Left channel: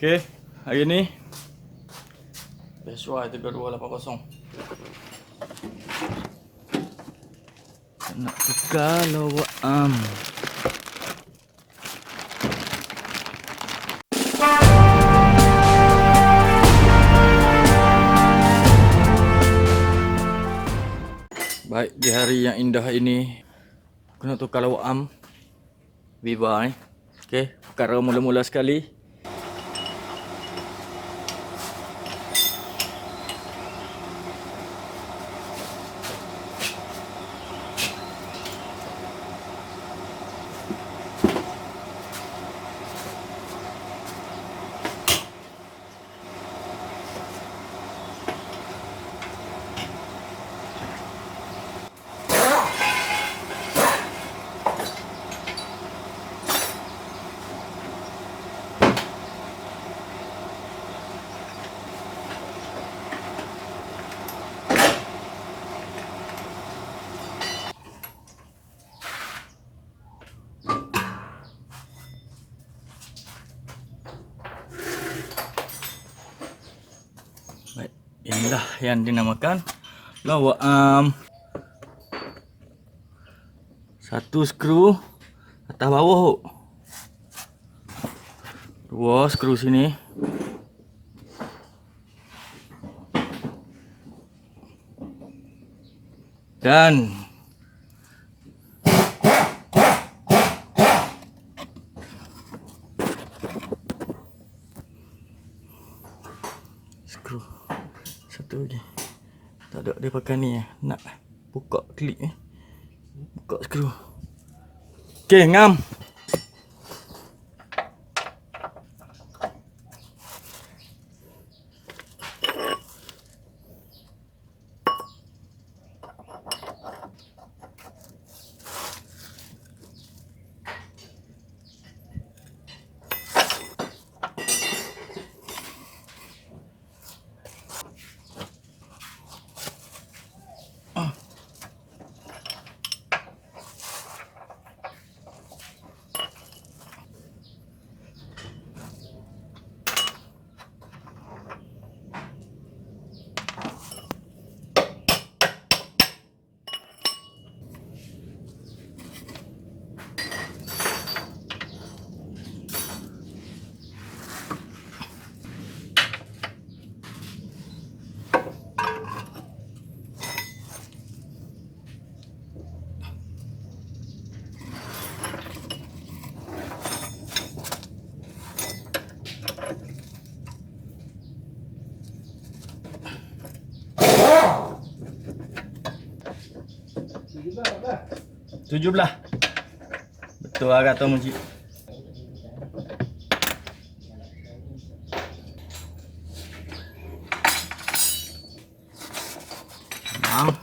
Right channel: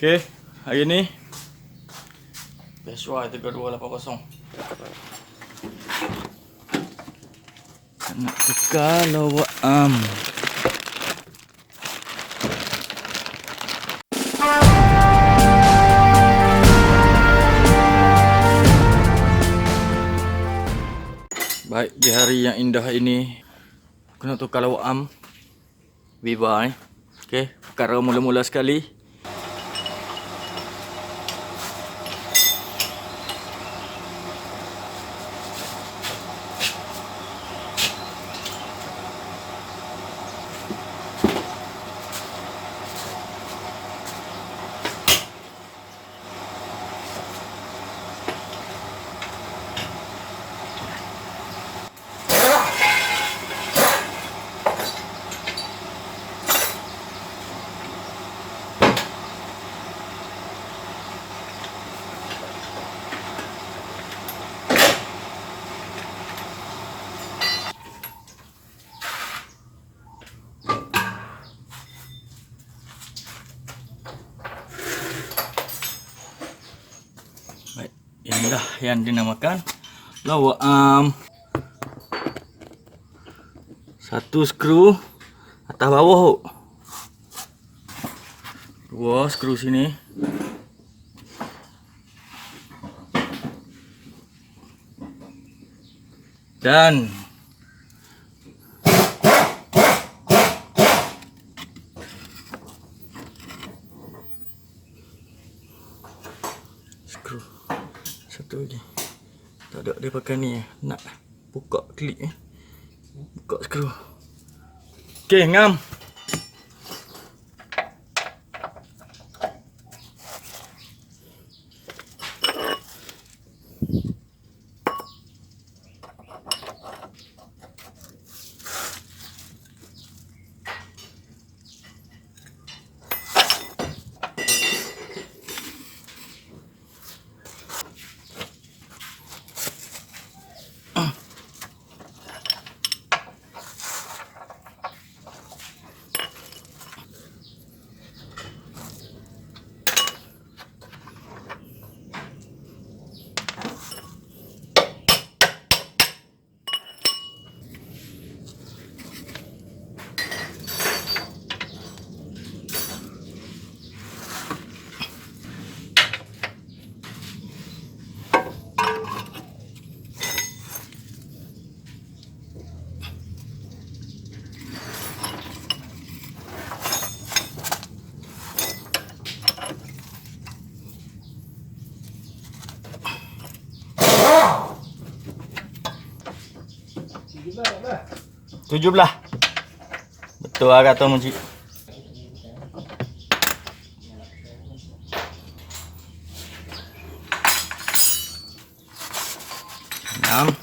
Okey, hari ni Peshwa 3280. Nak tukar lawak Baik, di hari yang indah ini aku nak tukar lawak Viva ni. Okey, perkara mula-mula sekali. Baik, inilah yang dinamakan lawak satu skru atas bawah. Dua skru sini. Dan skru satu lagi. Tak ada dia pakai ni nak buka klik buka skru. Okey, ngam. Tujuh belah. Betul lah kata Muji. Enam.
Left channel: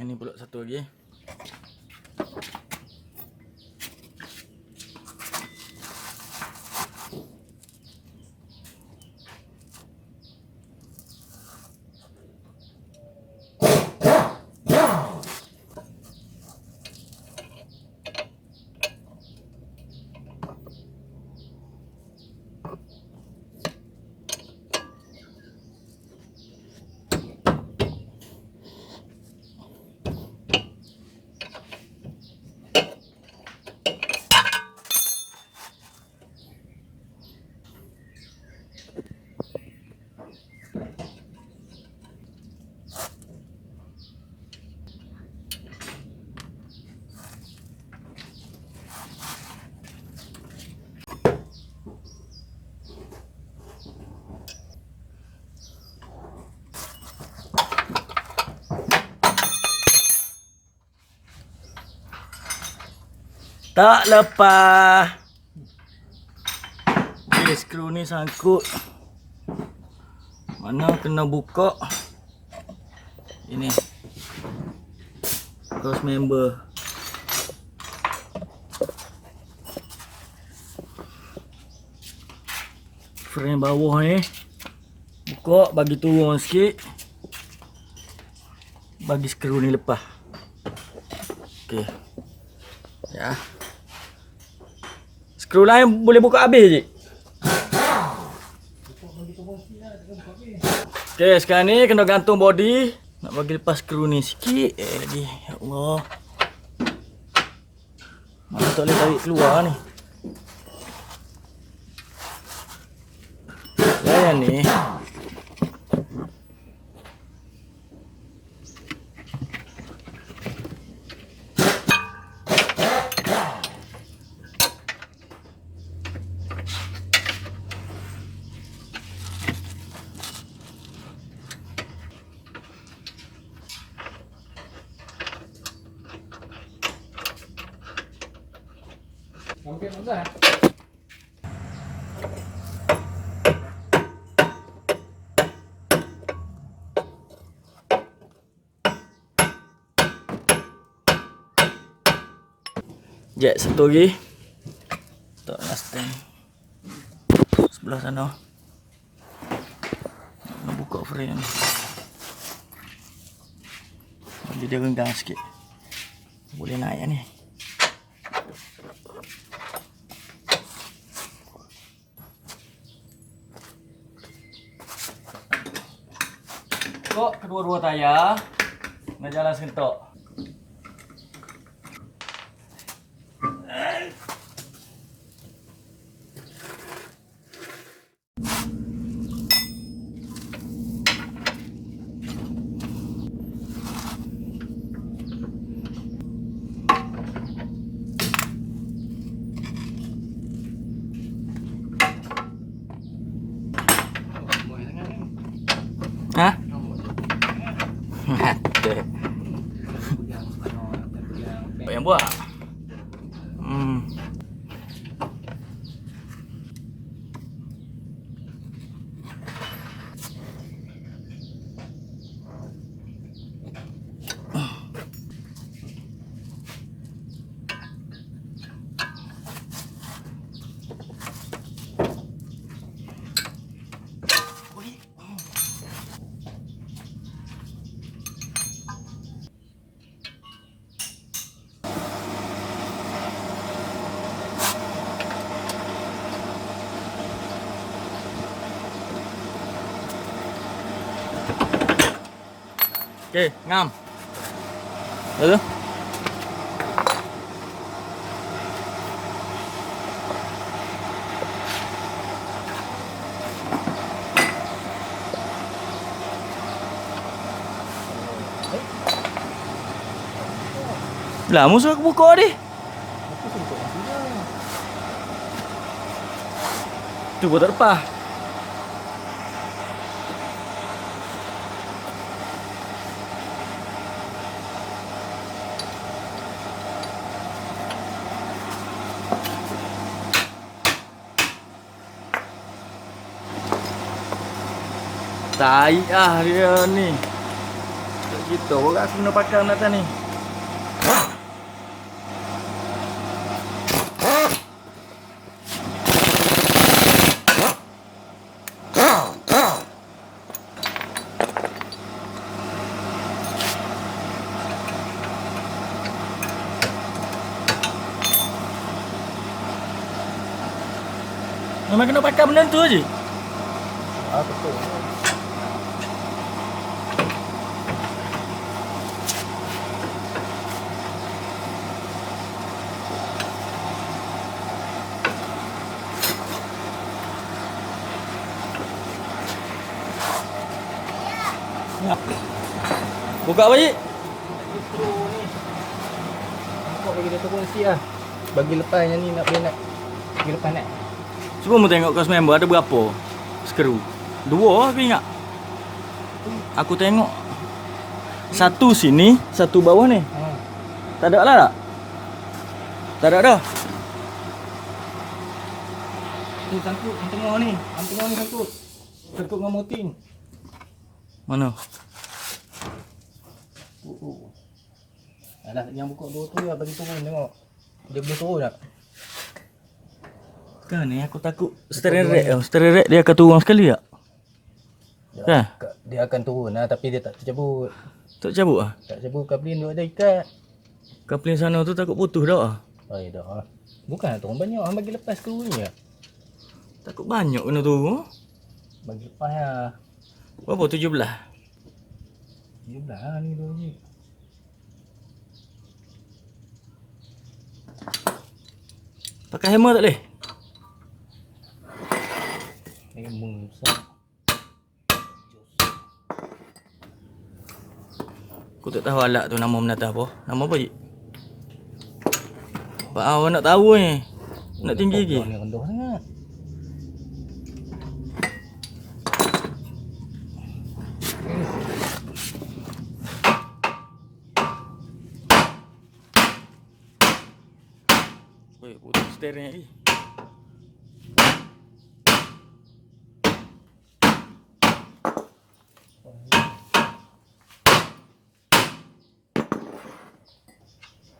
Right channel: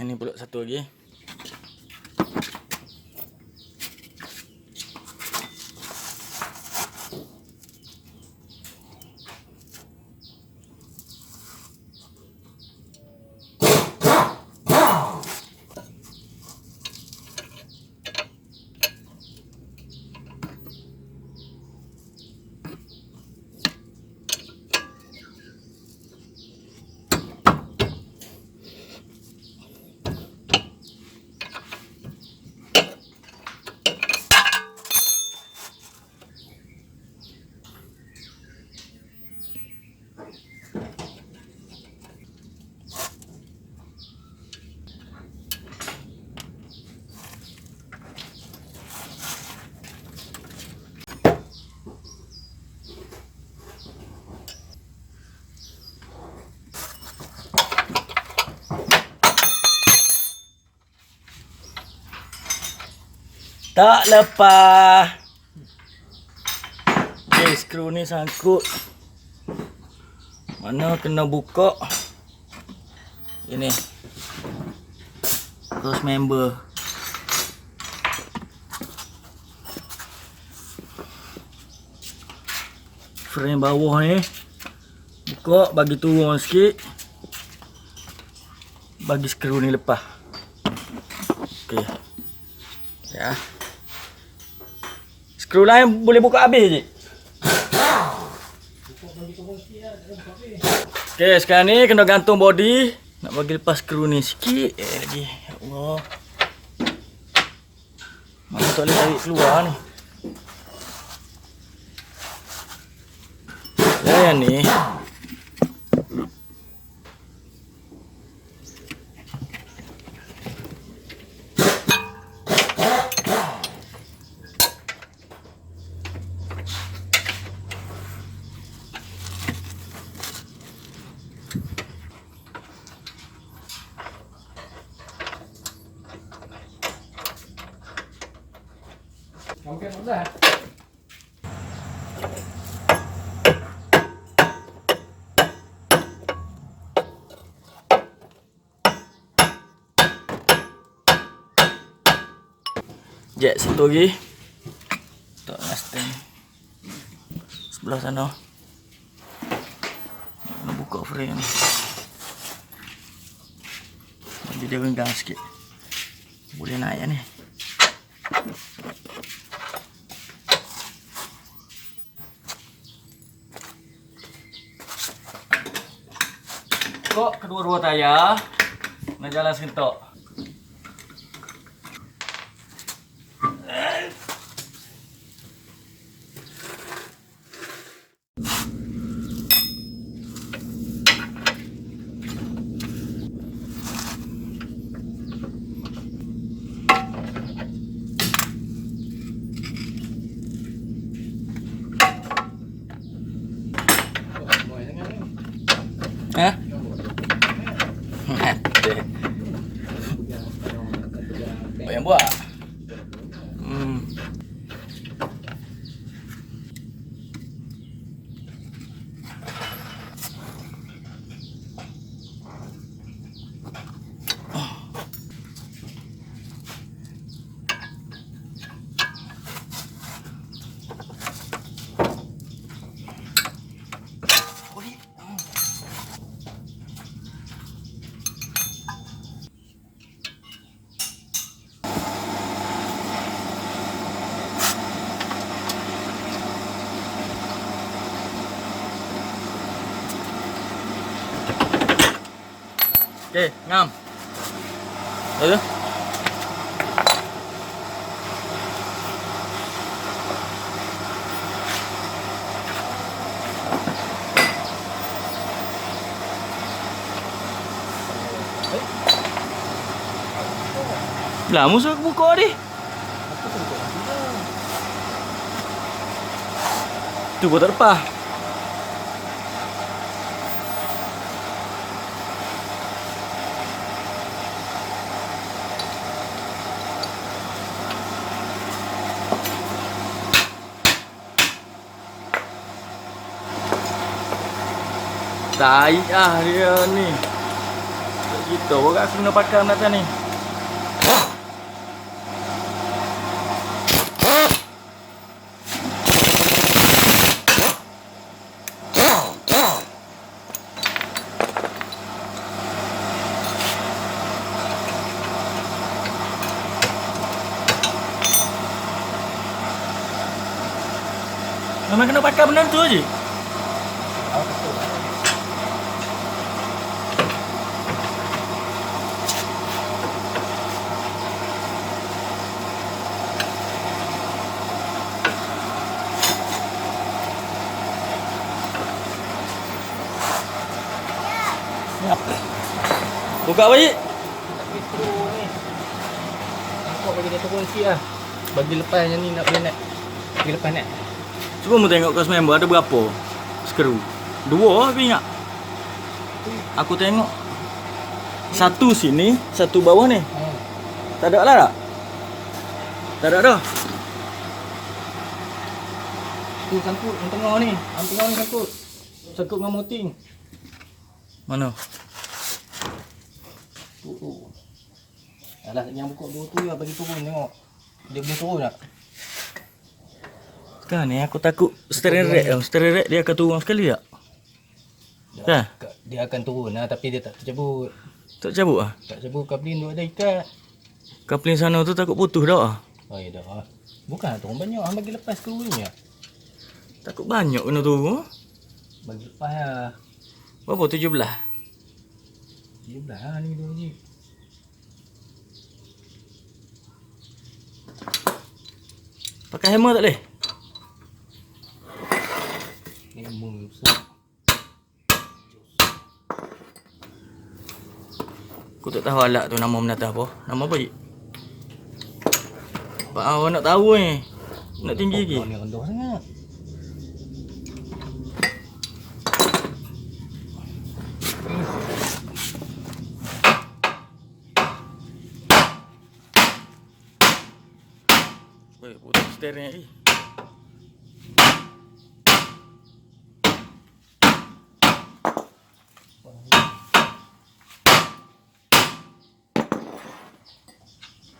Ini pula satu lagi. Tak lepas. Okay, skru ni sangkut. Mana kena buka. Ini cross member. Frame bawah ni buka, bagi turun sikit, bagi skru ni lepas. Okey. Ya. Skru lain boleh buka habis je. Okey, sekarang ni kena gantung body. Nak bagi lepas skru ni sikit lagi. Ya Allah. Mana tak boleh tarik keluar ni. Yang ni Mungkin sudah. jet satu lagi. Tak nak stand. Sebelah sana. Nak buka frame ni. Bagi dia renggang sikit. Boleh naik ni. Kok kedua-dua tayar nak jalan sentok. Ha? Yang buat. Okey, ngam. Lalu. Lah, musuh aku buka ni. Aku pun buka nanti dah. Tu pun tak lepas. Tai dia ni. Tak gitu orang aku kena pakai atas ni. Memang kena pakai benda tu je. Ah, betul. Buka balik. Bagi skru ni. Angkut bagi dia turun sikit lah. Bagi lepas yang ni nak boleh nak. Bagi lepas nak. Cuba mu tengok kos member ada berapa skru. Dua aku ingat. Aku tengok satu sini, satu bawah ni. Tak ada lah tak? Tak ada dah. Tu sangkut yang tengah ni. Yang tengah ni sangkut. Sangkut dengan moting. Mana? Tu. Alah yang buka dua tu lah bagi turun tengok. Dia boleh turun tak? Kan ni aku takut steering rack tau. Steering rack dia akan turun sekali tak? Kan? Dia akan turun lah tapi dia tak tercabut. Tak cabut ah? Tak cabut kabin tu ada ikat. Kapling sana tu takut putus dah ah. Oh ya dah. Bukan turun banyak. Hang bagi lepas tu ni lah. Takut banyak kena turun. Bagi lepas lah. Berapa? 17? 17 lah ni dia bunyi. Pakai hammer tak boleh? Hammer besar. Aku tak tahu alat tu nama menata apa. Nama apa je? Pak awak nak tahu ni. Nak tinggi lagi. Ni rendah sangat. Weh, putus steering lagi.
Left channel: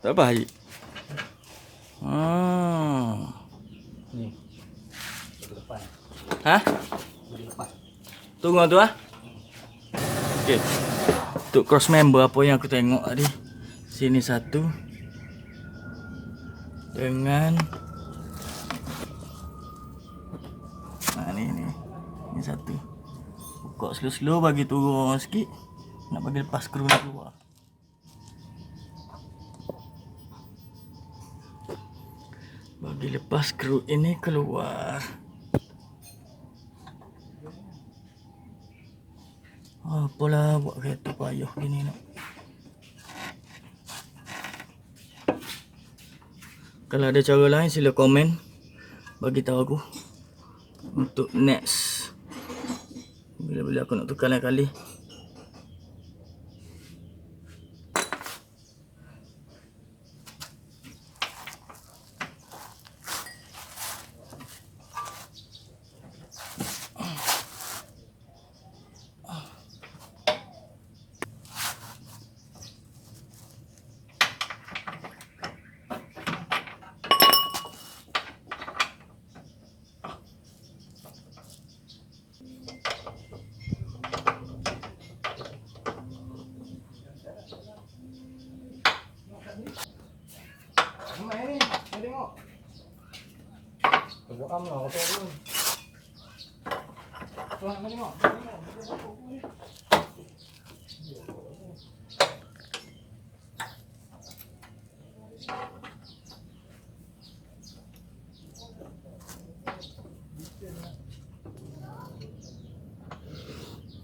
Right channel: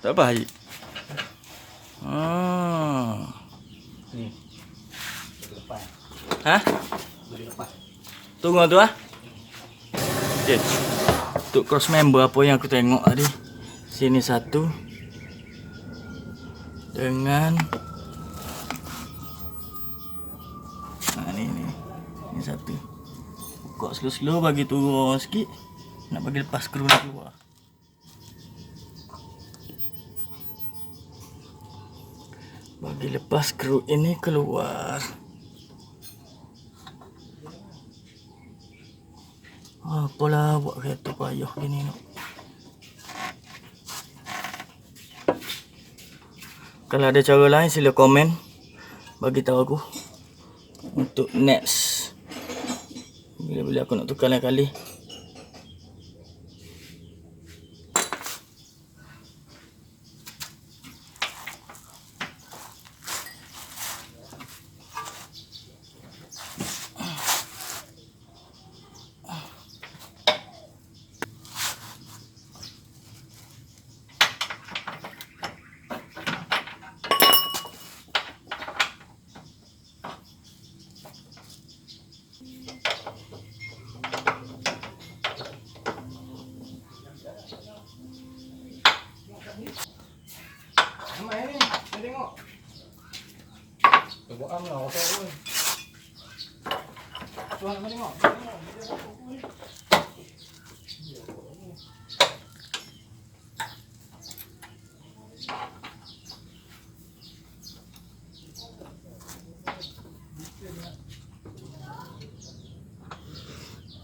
Tak apa Haji. Ni. Bagi lepas. Ha? Bagi lepas. Tunggu tu ah. Okay. Untuk cross member apa yang aku tengok tadi. Sini satu. Dengan ni satu. Buka slow-slow bagi turun sikit. Nak bagi lepas skru ni keluar. Bagi lepas skru ini keluar. Apalah buat kereta payah gini nak. Kalau ada cara lain sila komen. Bagi tahu aku. Untuk next. Bila-bila aku nak tukar lain kali. Ramai ni. Saya tengok. Tengok am lah. Kata pun. Tuan kau tengok.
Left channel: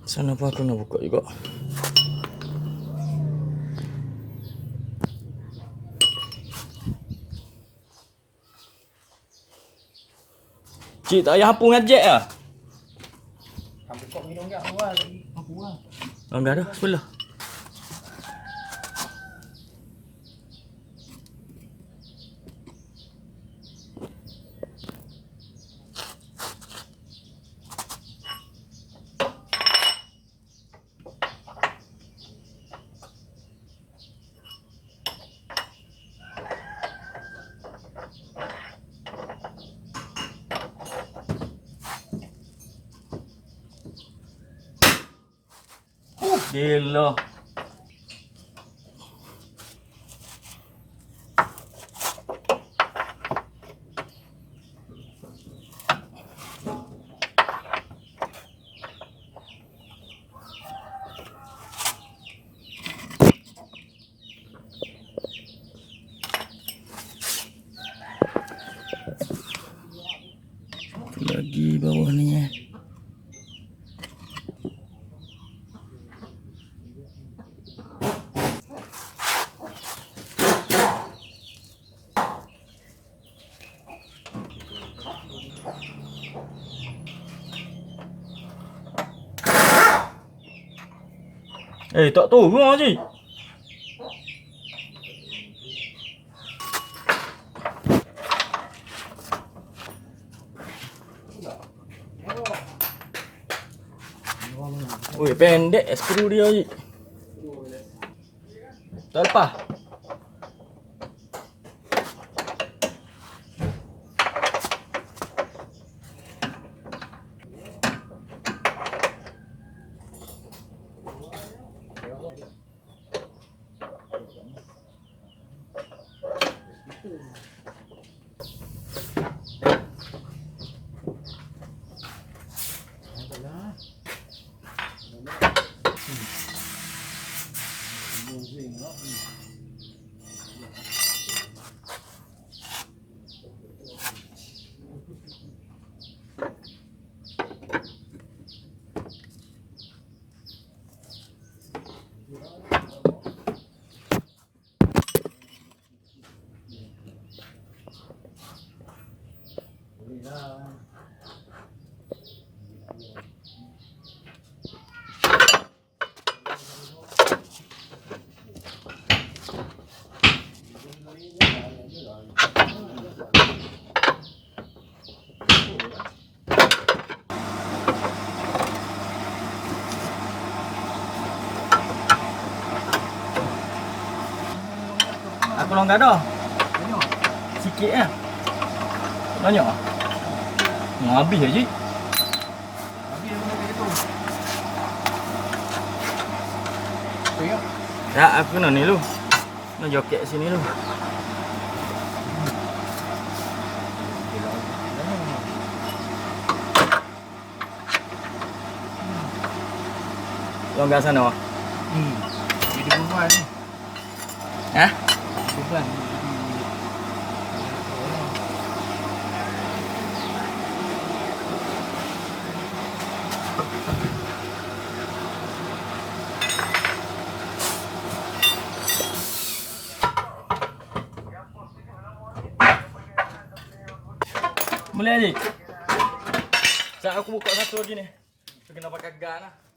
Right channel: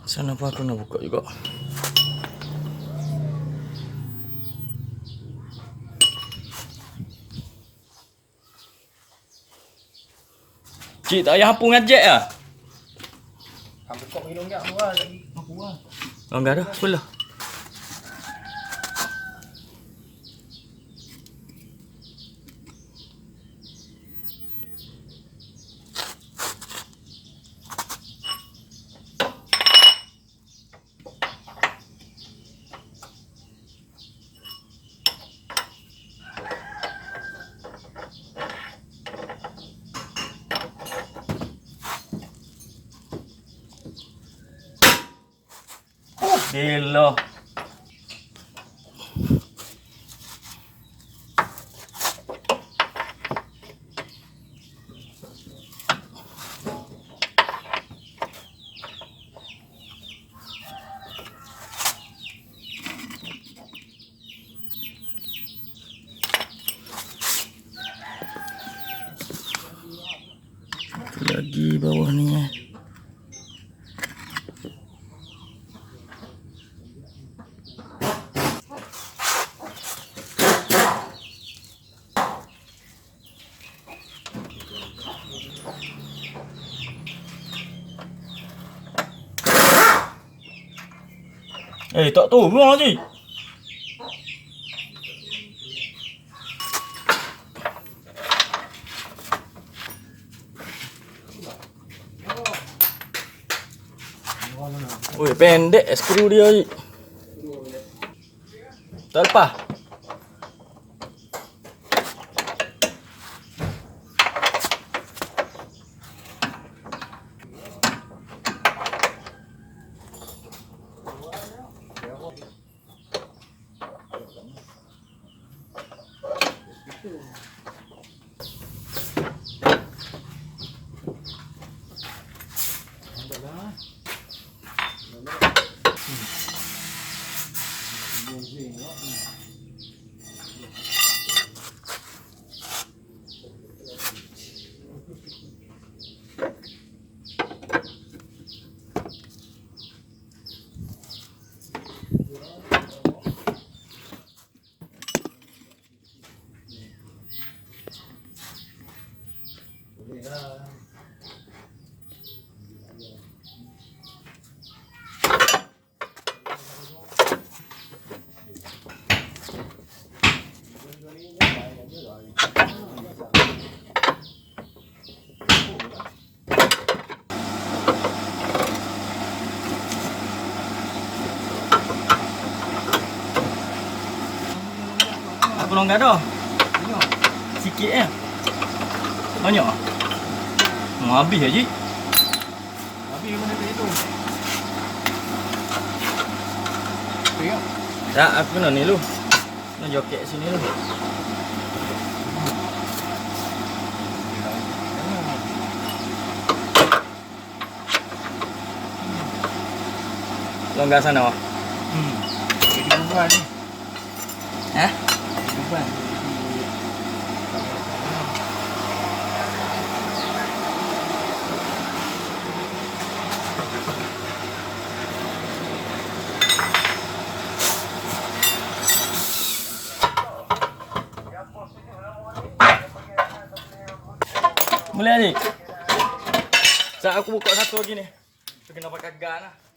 Sana apa aku nak buka juga. Cik tak payah hampu ngajak lah. Ambil kok minum tak? Buat lagi. Aku buat. Enggak ada sebelah. Gila. Satu lagi bawah ni eh. Tak turun lagi. Oi, pendek skru dia lagi. Tak lepas. kalau enggak dah. Banyak. Sikit ya. Banyak ah. Mau habis aja. Habis mana itu. Tengok. Ya, aku nak ni lu. Nak joket sini lu. Longgar sana wah. Jadi bulan ni. Hah? Bulan. Boleh ni. Saat aku buka satu lagi ni. Kena pakai gun lah.